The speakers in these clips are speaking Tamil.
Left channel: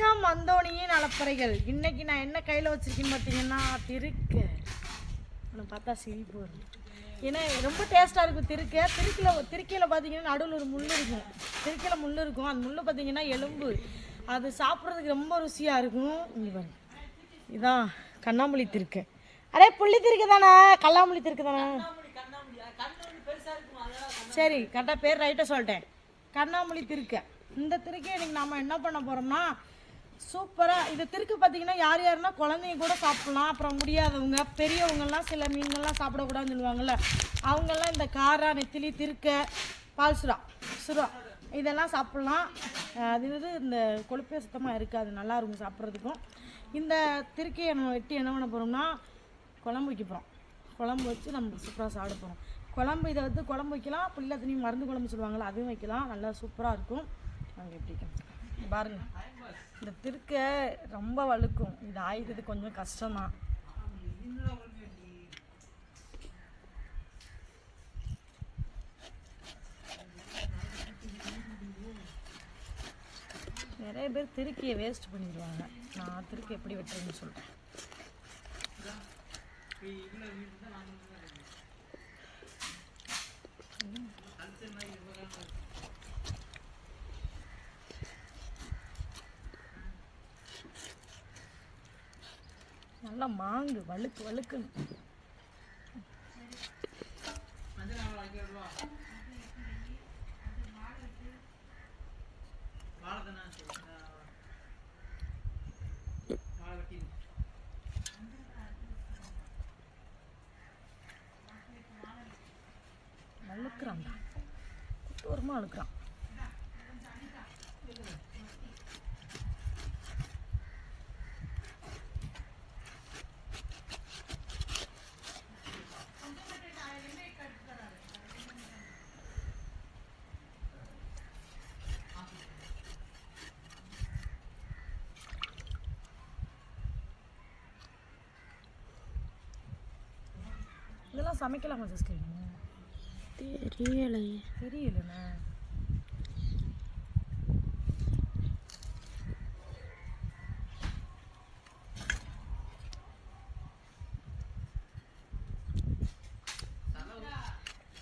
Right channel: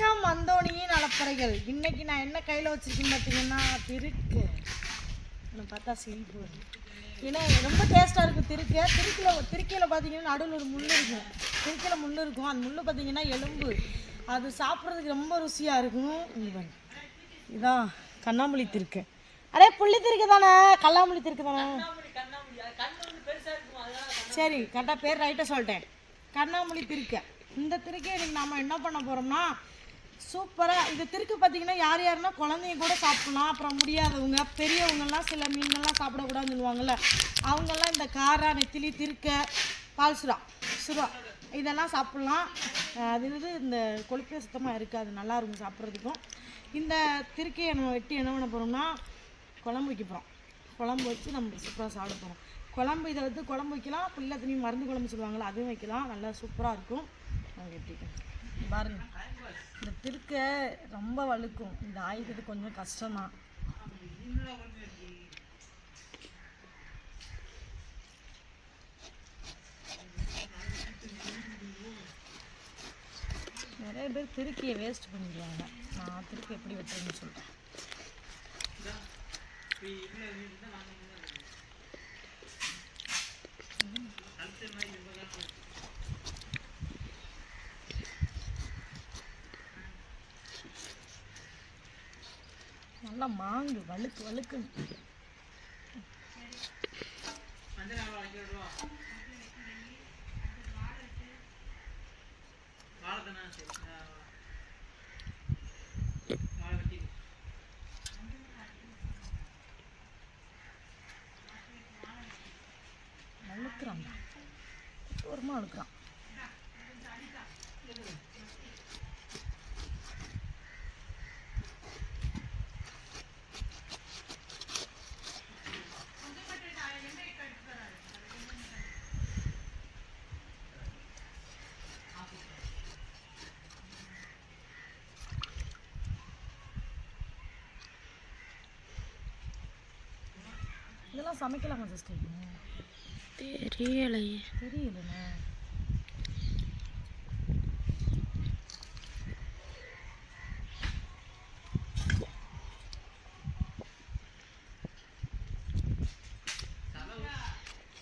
வணக்கம் அந்தோணியின் அலப்பறைகள் இன்னைக்கு நான் என்ன கையில் வச்சிருக்கேன்னு பார்த்தீங்கன்னா திருக்கு. எனக்கு பார்த்தா சிரிப்பு ஏன்னா ரொம்ப டேஸ்ட்டாக இருக்கும் திருக்க. திருக்கில் திருக்கையில் பார்த்தீங்கன்னா நடுவில் ஒரு முள் இருக்கும். திருக்கையில் முள் இருக்கும். அந்த முள் பார்த்தீங்கன்னா எலும்பு. அது சாப்பிட்றதுக்கு ரொம்ப ருசியாக இருக்கும். இதுதான் பாருங்க. இதான் கண்ணாமூலி திருக்கு. அடே புள்ளி திருக்கு தானே? கல்லாமூலி திருக்கு தானே? சரி கரெக்டாக பேர் ரைட்டாக சொல்லிட்டேன். கண்ணாமூலி திருக்க. இந்த திருக்கை இன்னைக்கு நாம் என்ன பண்ண போகிறோம்னா சூப்பராக இந்த திருக்கு பார்த்தீங்கன்னா யார் யாருன்னா குழந்தைங்க கூட சாப்பிடலாம். அப்புறம் முடியாதவங்க பெரியவங்கெல்லாம் சில மீன்கள்லாம் சாப்பிடக்கூடாதுன்னு சொல்லுவாங்கள்ல அவங்கெல்லாம் இந்த காரா நெத்திலி திருக்க பால் சுறா சுறா இதெல்லாம் சாப்பிட்லாம். அது இது இந்த கொழுப்பே சுத்தமாக இருக்காது. நல்லா இருக்கும் சாப்பிட்றதுக்கும். இந்த திருக்கையை நம்ம வெட்டி என்ன பண்ண போகிறோம்னா குழம்பு வைக்க போகிறோம் குழம்பு வச்சு நம்ம சூப்பராக சாப்பிட போகிறோம் குழம்பு இதை வந்து குழம்பு வைக்கலாம் பிள்ளை தண்ணி மருந்து குழம்பு சொல்லுவாங்களா அதுவும் வைக்கலாம். நல்லா சூப்பராக இருக்கும். நாங்கள் எப்படி பாருங்க. இந்த திருக்க ரொம்ப வழுக்கும். இது ஆயிடுறது கொஞ்சம் கஷ்டம்தான். நிறைய பேர் திருக்கியை வேஸ்ட் பண்ணிடுவாங்க. நான் திருக்கி எப்படி வெட்டுறேன்னு சொல்கிறேன் நல்லா மாங்கு வழுக்கு வழுக்குன்னு. வழுக்குறான்டா. தூரமாக வழுக்குறான். இதெல்லாம் சமைக்கலாமா சிஸ்டர் தெரியலையே. தெரியலண்ணே.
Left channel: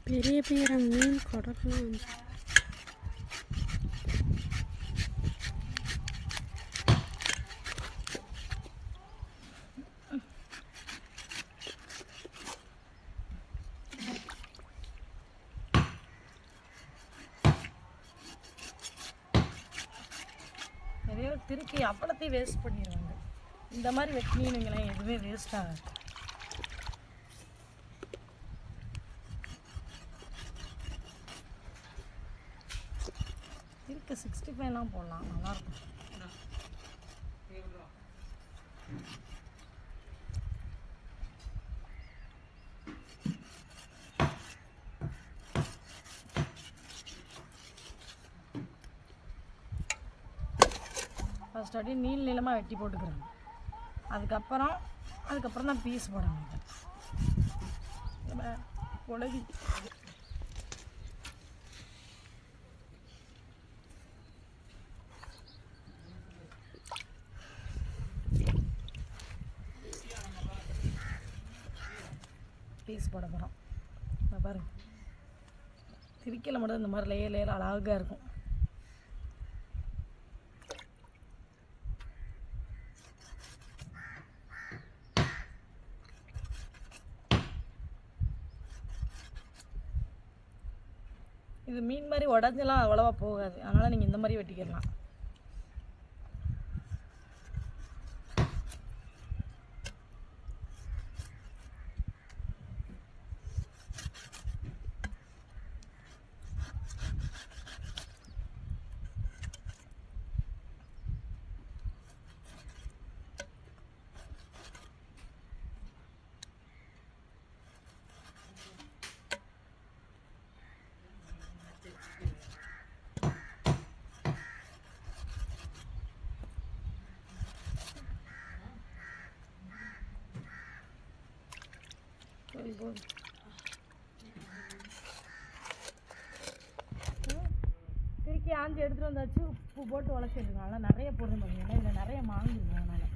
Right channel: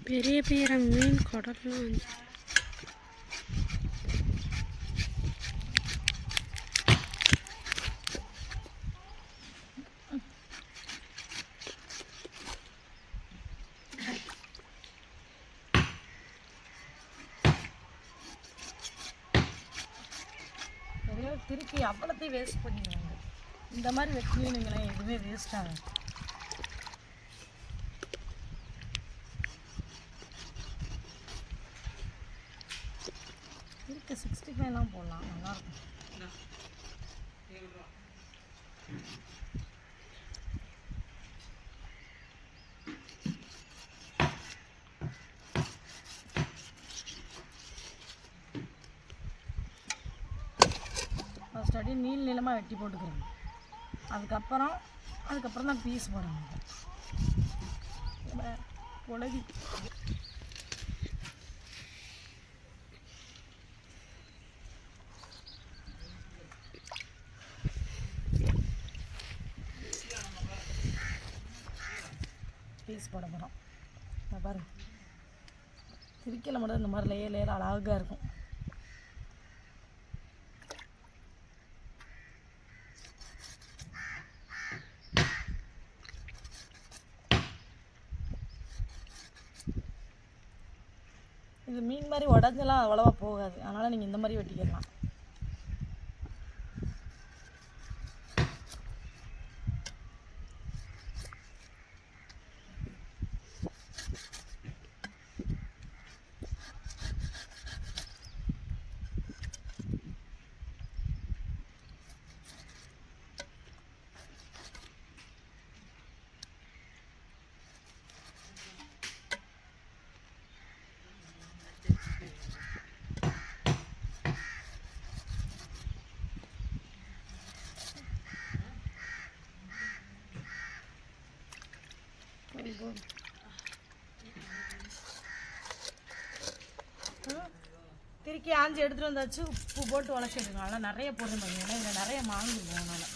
பெரிய பெரிய மீன் குடல்லாம் வந்து வெட்டி அவ்வளோத்தையும் அப்பளத்தையும் வேஸ்ட் பண்ணிடுவாங்க இந்த மாதிரி வெட்டினீங்களேன் எதுவுமே வேஸ்ட் ஆகாது. இருக்கு சிக்ஸ்டி ஃபைவ்லாம் போடலாம். நல்லாயிருக்கும் ஃபஸ்ட் அப்படியே நீள் நீளமாக வெட்டி போட்டுக்கிறேன். அதுக்கப்புறம் அதுக்கப்புறம் தான் பீஸ் போடணும். உலகி பீஸ் போட போகிறோம் பாருங்க. திருக்கையில் மட்டும் இந்த மாதிரி லேயர் லேயர் அழகாக இருக்கும் இது மீன் மாதிரி உடஞ்செல்லாம் அவ்வளோவா போகாது. அதனால் நீங்கள் இந்த மாதிரி வெட்டிக்கிடலாம் போதும், திருக்கி ஆஞ்சி எடுத்துகிட்டு வந்தாச்சு உப்பு போட்டு உழைச்சிருக்கோம் ஆனால் நிறைய போடுறேன் பார்த்தீங்கன்னா இதில் நிறைய மாங்கிருக்கும் அதனால்.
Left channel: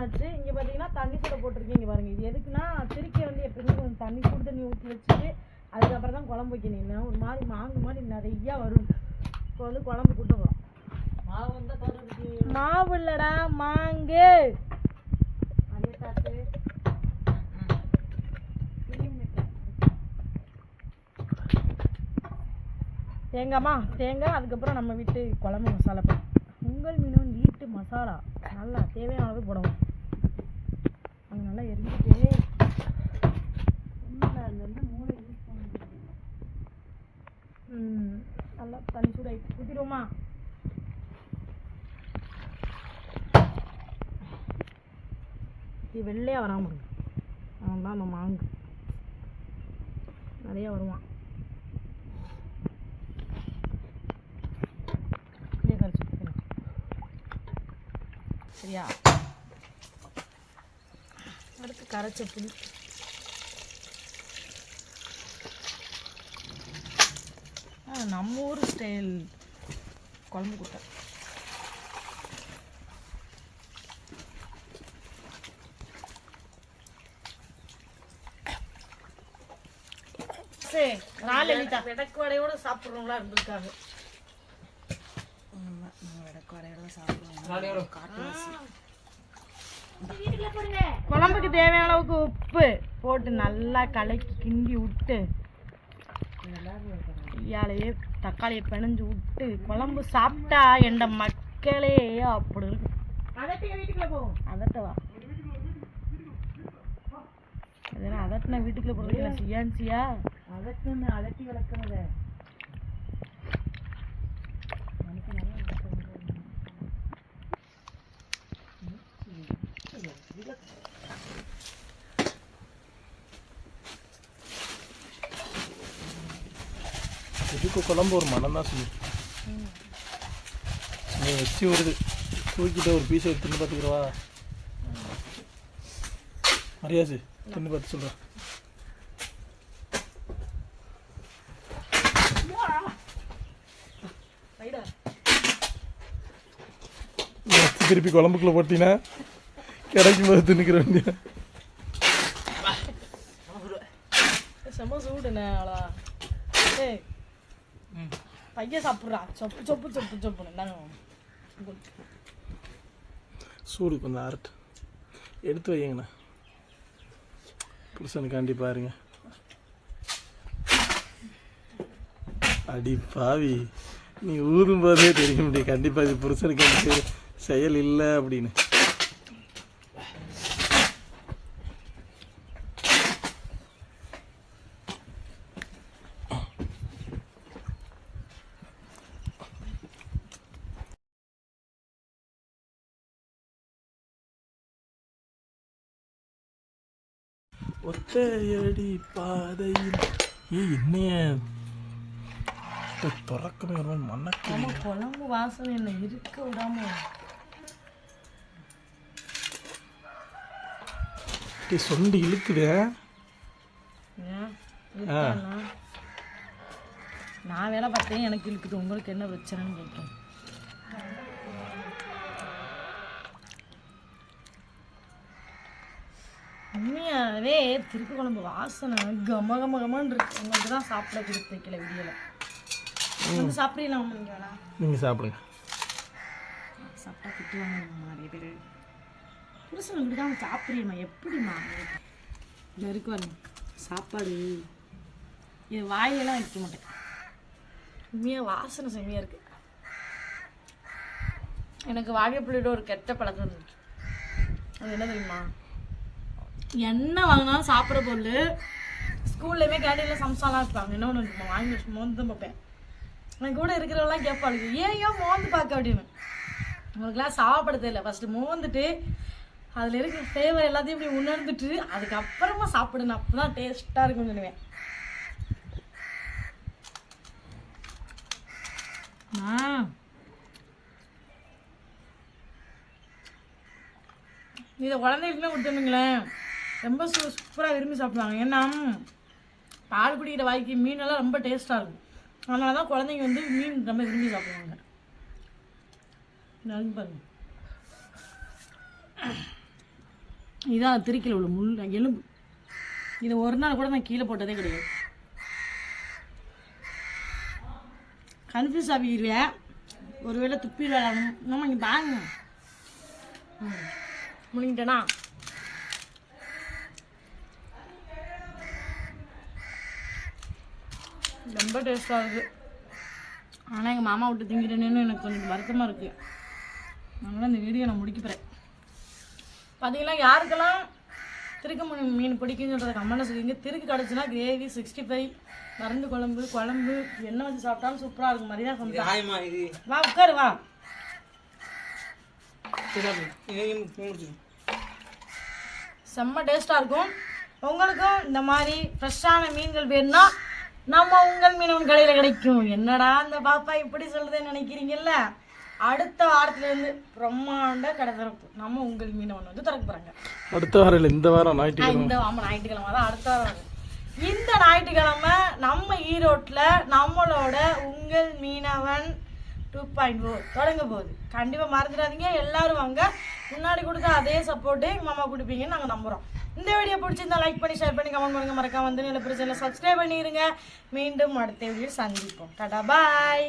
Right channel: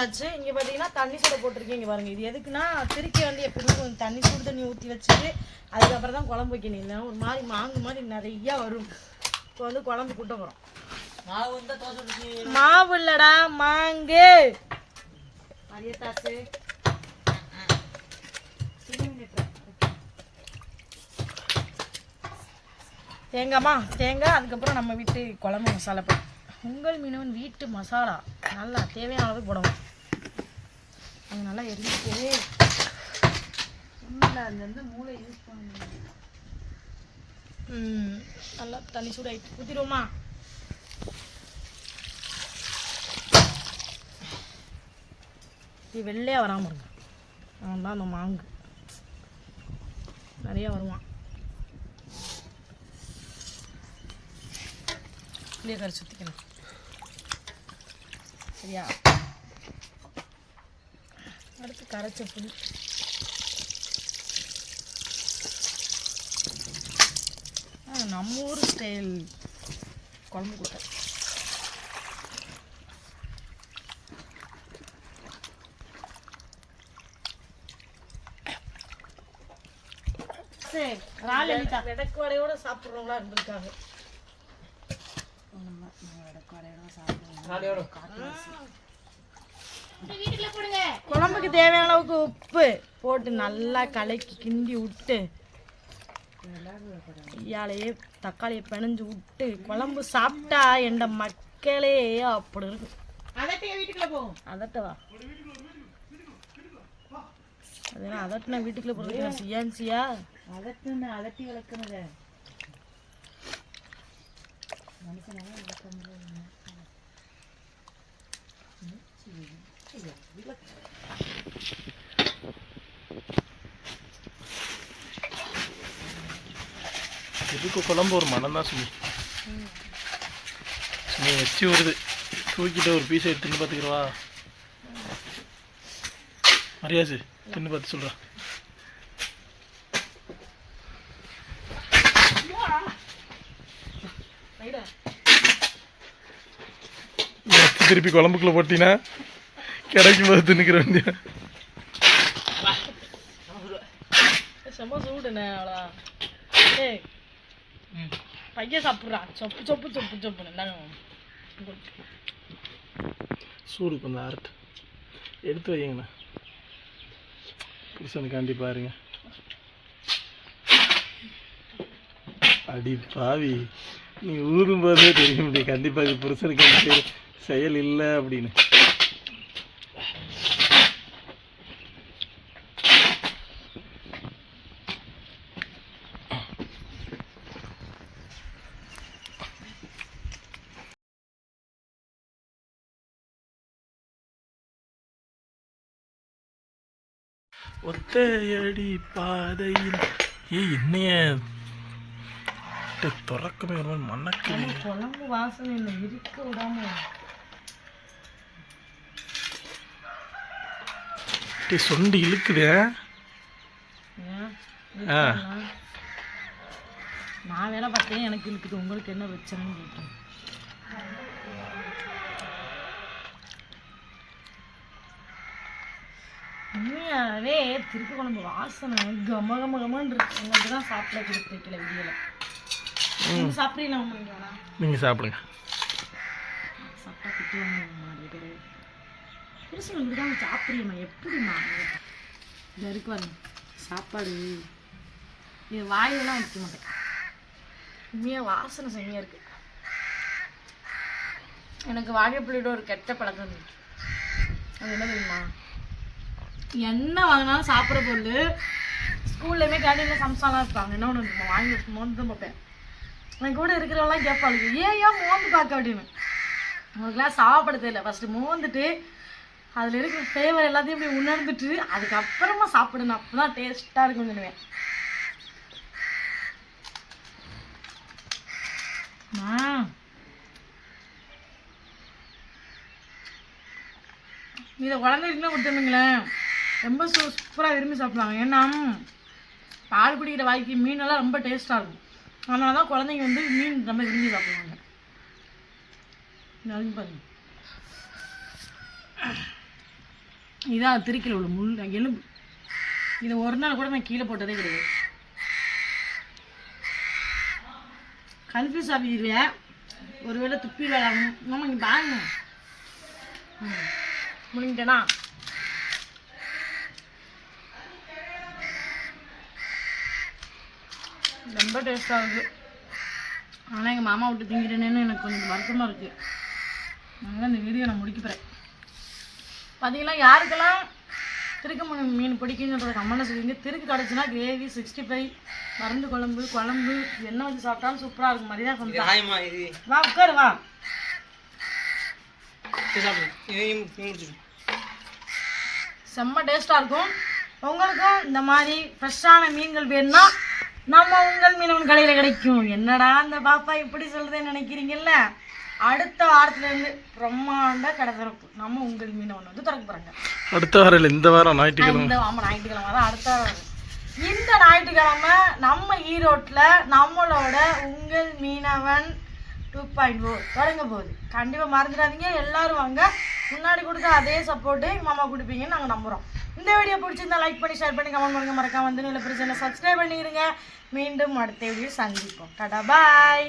வந்தாச்சு. இங்கே பார்த்தீங்கன்னா தண்ணி சூட போட்டிருக்கேன் இங்கே பாருங்க. இது எதுக்குன்னா திருக்கி வந்து எப்படின்னா கொஞ்சம் தண்ணி சூடு தண்ணி ஊற்றி வச்சுட்டு அதுக்கப்புறம் தான் குழம்பு வைக்கணும். இல்லை ஒரு மாதிரி மாங்கு மாதிரி நிறையா வரும். இப்போ வந்து குழம்பு கூட்ட போகிறோம் மாவு இல்லடா மாங்கு. தேங்காய்மா தேங்காய் அதுக்கப்புறம் நம்ம வீட்டு குழம்பு மசாலா போடும் உங்கள் மீனவன் வீட்டு மசாலா. நல்லா தேவையான அளவு போடணும். அது நல்லா எரிஞ்சுட்டு ம் நல்லா தண்ணி சூடாயிட்டு ஊற்றிடுவோமா இது வெள்ளையாக வராமல் இருங்க. அவன் தான் அந்த மாங்கு. நிறைய வருவான். இப்படியே கரைச்சி ஊற்றிக்கணும் சரியா? அடுத்து கரைச்ச புளி. நம்ம ஊர் ஸ்டைல் குழம்பு கூட்டை. சரி நாலு விடக்கு வடையோட சாப்பிட்றவங்களா இருந்திருக்காங்க. குழம்புக்கு தேவையான அளவுக்கு உப்பு போட்டு நல்லா கலக்கி கிண்டி விட்டு இயாலையே தக்காளியை பிணைஞ்சு விட்டு குழம்பு சாப்பிட்டா எந்த மக்களே அப்படி இருக்கு. அதட்டவா? அதெல்லாம் அதட்டினா வீட்டுக்குள்ள போகிறதுக்கு சியான்சியா? அதட்டுன்னு அதட்டி வளர்க்கணுத எதுக்கு குழம்பு ஒரு மனம் தான் சுமி? சுமி எச்சி வருது. தூக்கிட்டு ஒரு பீஸை எடுத்து தின்னு பார்த்துக்கிறவா மரியாசு தின்னு பார்த்து சொல்கிறா திருப்பி குழம்புக்குள்ள போட்டினா? கிடைக்கும் போது தின்னுக்கிற வேண்டிய செம்ம சூடுண்ணே அவ்வளோ ஏய் பையன் சாப்பிட்றா. சொப்பு சொப்பு சொப்பு சொப்புன்னு இந்தாங்க சூடு கொஞ்சம் ஆறட்டு எடுத்து வைங்கண்ணா புருஷனுக்காண்டி பாருங்க. அடி பாவி. நீ ஊறும் போதே தெரியும் இப்படி கண்டிப்பாக இது புருஷனுக்காண்டி செயல் இல்லை அப்படின்னு. ஒத்தையடி பாதையில். ஏய் என்னைய? திறக்கமே ஒரு மாதிரி நம்ம குழம்பு வாசனை என்ன இருக்க விடாம. டே சொண்டு இழுக்குதே. நான் வேலை பார்த்தேன் எனக்கு இருக்குது உங்களுக்கு என்ன பிரச்சனைன்னு கேட்டேன். உண்மையாகவே திருப்பி குழம்பு வாசனை கம கம கமன்னு இருக்கு. உங்களுக்கு தான் சாப்பிட கொடுத்து வைக்கல விடியல நீங்க சாப்பிட்றீங்களா வேணாம் நீங்கள் சாப்பிடுங்க. சாப்பிட்டா திட்டுவாங்க நிறைய பேர். புருஷன் இப்படி தான் சாப்பிட்றீம்மா. எப்படிம்மா? இந்த இருக்கு பாருங்க. சாப்பாடு. இது வாயிலெல்லாம் வைக்க மாட்டேன். உண்மையாக வாசனை செம்மையாக இருக்கு. எனக்கு வாழைப்பிள்ளையோட ஒரு கெட்ட பழக்கம் இருந்துச்சு அது என்ன தெரியுமா? என்ன வாங்கினாலும் சாப்பிட்ற பொருள். ஸ்கூல்லையுமே கேண்டீனில் சம்சாலாம் இருப்பாங்க என்ன ஒன்று வாங்கி வச்சு மோந்து பார்ப்பேன். என் கூட இருக்கிறவங்களாம் கேட்பாளுக்கு ஏன் ஏன் மோந்து பார்க்க? அப்படின்னு. உங்களுக்குலாம் சாப்பிட தெரியல. ஃபஸ்ட்டு மோந்துட்டு அதில் இருக்கிற ஃப்ளேவர் எல்லாத்தையும் இப்படி உணர்ந்துட்டு அதுக்கப்புறமா சாப்பிடணும். அப்போ தான் டேஸ்ட்டாக இருக்கும்னு சொல்லுவேன். ஆ இதை குழந்தைகளுக்குலாம் கொடுத்துருந்துங்களேன் ரொம்ப சூப்பராக விரும்பி சாப்பிடுவாங்க. ஏன்னா பால் குடிக்கிற வாய்க்கு மீனெல்லாம் ரொம்ப டேஸ்ட்டாக இருக்கும். அதனால தான் குழந்தைங்க வந்து மீன் ரொம்ப விரும்பி சாப்பிடுவாங்க. இது பாருங்க. இதான் திருக்கில் உள்ள முள் எலும்பு. இது ஒரு நாள் கூட நான் கீழே போட்டதே கிடையாது. கன்ஃபியூஸ் ஆகிடுல ஒருவேளை துப்பி விளாடணும். நம்ம இங்கே பாருங்க. ம். முடிஞ்சிட்டேனா? ரொம்ப டேஸ்ட்டாக இருக்குது ஆனால் எங்கள் மாமா விட்டு திங்கிட்டேனேன்னு எனக்கு கொஞ்சம் வருத்தமாக இருக்குது அதனால் இந்த வீடியோ நான் முடிக்க போகிறேன் பார்த்தீங்களா யாருக்கெல்லாம் திருக்கு மீன் மீன் பிடிக்குன்றத கம்மனை சொல்லிங்க. திருக்கு கிடச்சுன்னா கிரேவி சிக்ஸ்டி ஃபைவ் மருந்து குழம்பு குழம்பு என்ன வச்சு சாப்பிட்டாலும் சூப்பராக இருக்கும். மாதிரி தான் இது. வா உட்காரு வா. செம்ம டேஸ்ட்டாக இருக்கும். உங்களுக்கும் இந்த மாதிரி ஃப்ரெஷ்ஷான மீன்கள் வேணும்னா நம்ம உங்கள் மீனவன் கடையில் கிடைக்கும். என்னடா இந்த பாப்பா இப்படி சொல்லுதுன்னு நினைக்கிறீங்கல்ல? அடுத்த வாரத்துலேருந்து பிரம்மாண்ட கடை திறப்பு. நம்ம உங்கள் மீனவன் வந்து திறக்க போகிறாங்க அடுத்த வாரம் இந்த வாரம் ஞாயிற்றுக்கிழமை. இந்த ஆமாம் ஞாயிற்றுக்கிழமை தான் அடுத்த வாரம். வரும். இந்த ஞாயிற்றுக்கிழமை நம்ம ஈரோட்டில் நம்மளோட உங்கள் மீனவன் டூ பாயிண்ட் ஃபோர் தொடங்க போகுது. கண்டிப்பாக மறந்துடாதீங்க. எல்லாரும் வாங்க. முன்னாடி கொடுத்த அதே சப்போர்ட்டு மாமா கொடுப்பீங்கன்னு நாங்கள் நம்புகிறோம் இந்த வீடியோ பிடிச்சிருந்தா லைக் பண்ணி ஷேர் பண்ணி கமெண்ட் பண்ணுங்க. மறக்காம வந்து நல்ல பிரச்சனை சப்ஸ்கிரைப் பண்ணிடுங்க மீண்டும் அடுத்த வீடியோ சந்திப்போம். டாடா பாய்